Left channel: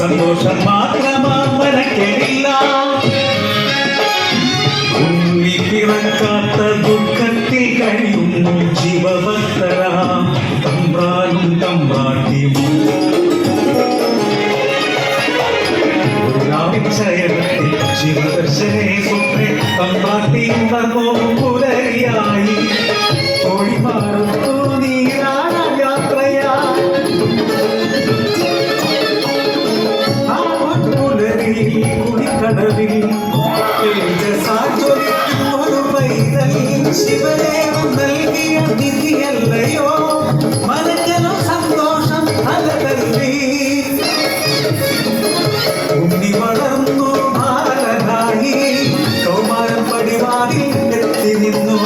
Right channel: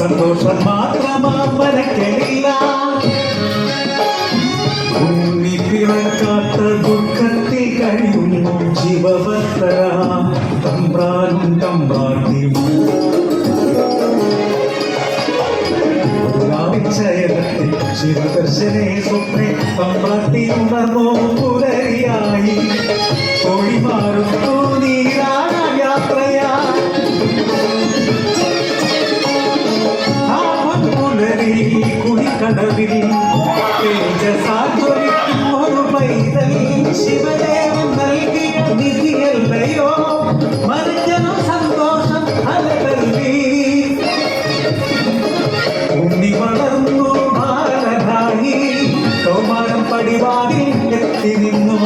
സന്തോഷം മാത്രമാവനക്കില്ല ഉള്ളിപ്പിറക്കാത്ത ദുഃഖത്തിൽ കഴിയുന്നു ജീവഭക്തര തമ്പ്രാനും തമ്പ്രാട്ടിയും ചയനത്തിൽ ശിവദർശനെ സ്വപ്നെ തമ്പ്രാട്ടി ഉണർന്നോ പുലരിയായി തൊഴിമാറും നീരാന യാത്രയാ കുടിക്കടവിൽ തേജസാജ്വലിക്കും ഒരു പൈതൽ ശിവദേവൻ നൽകിയ നിധിയല്ലയോ മനജനം സന്തോഷം അലതല്ലി ഉണ്ണി വളർന്നു ബാലനായി കൗമാരം പടിവാതിൽ എത്തി നിന്നു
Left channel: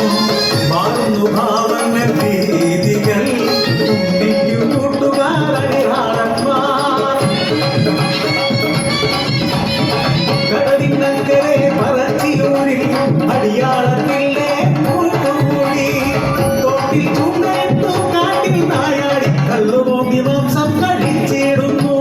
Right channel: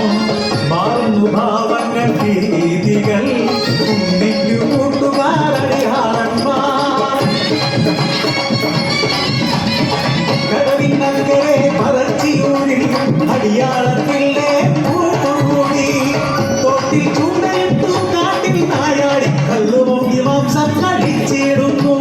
മാറുന്നു ഭാവങ്ങൾ രീതികൾ ഉണ്ണിക്കു കൂട്ടുകാരടിയാളന്മാർ കടവിനക്കരെ പറച്ചിയൂരിൽ അടിയാളത്തിലെ കൂട്ടുകൂടി തൊട്ടിൽ ചൂണ്ടയിട്ടു കാട്ടിൽ നായാടി കല്ലുമോങ്ങി മാംസം കഴിച്ചിടുന്നു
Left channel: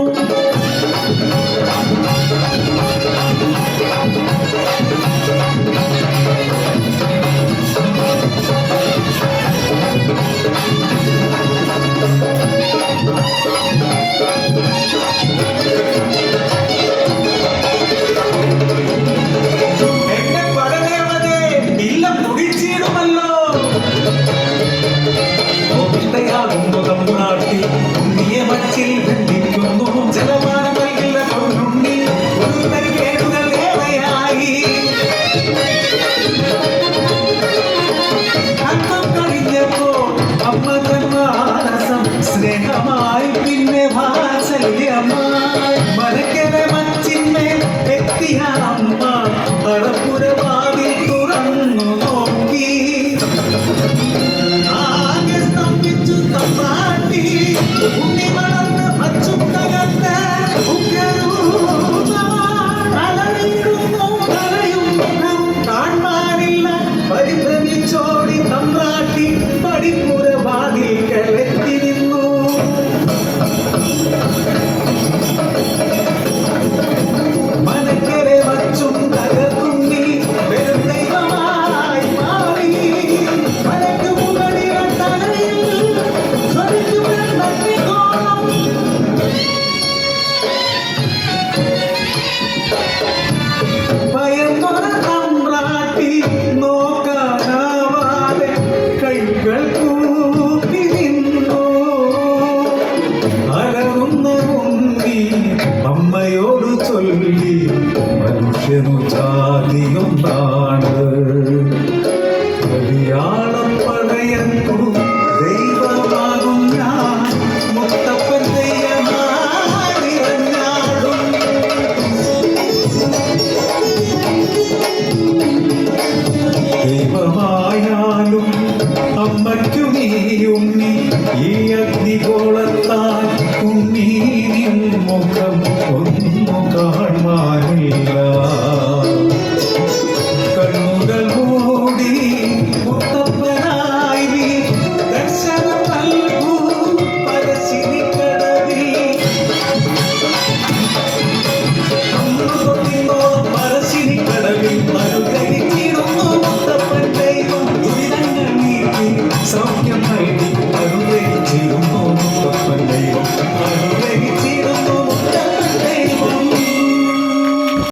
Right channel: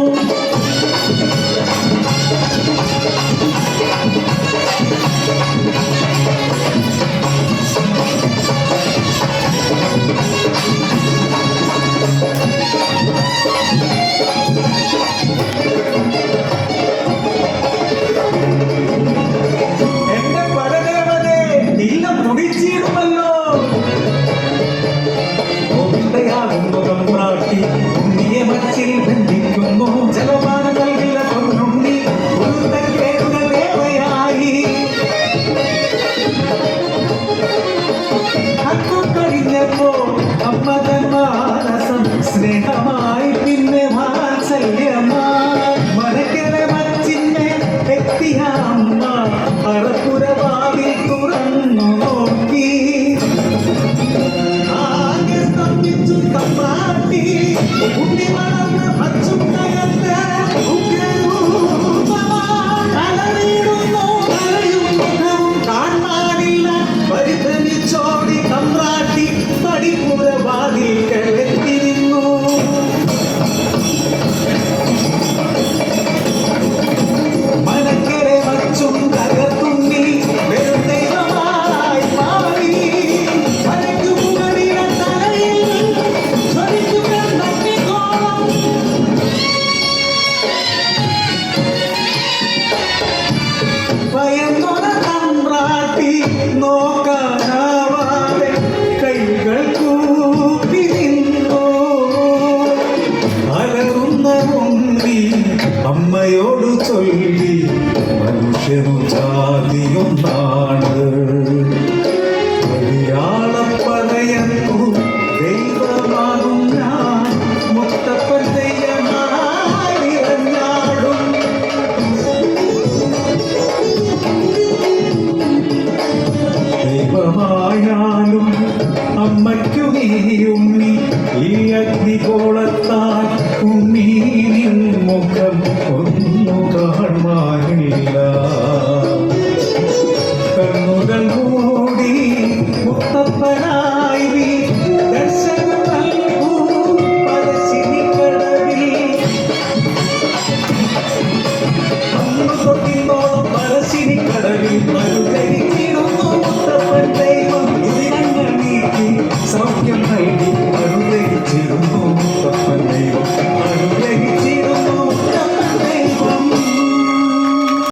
ജലപാനം നൽകില്ല പൊന്നുണ്ണി കഴിഞ്ഞപ്പോ അമ്മ തന്മാനസം സ്നേഹമാ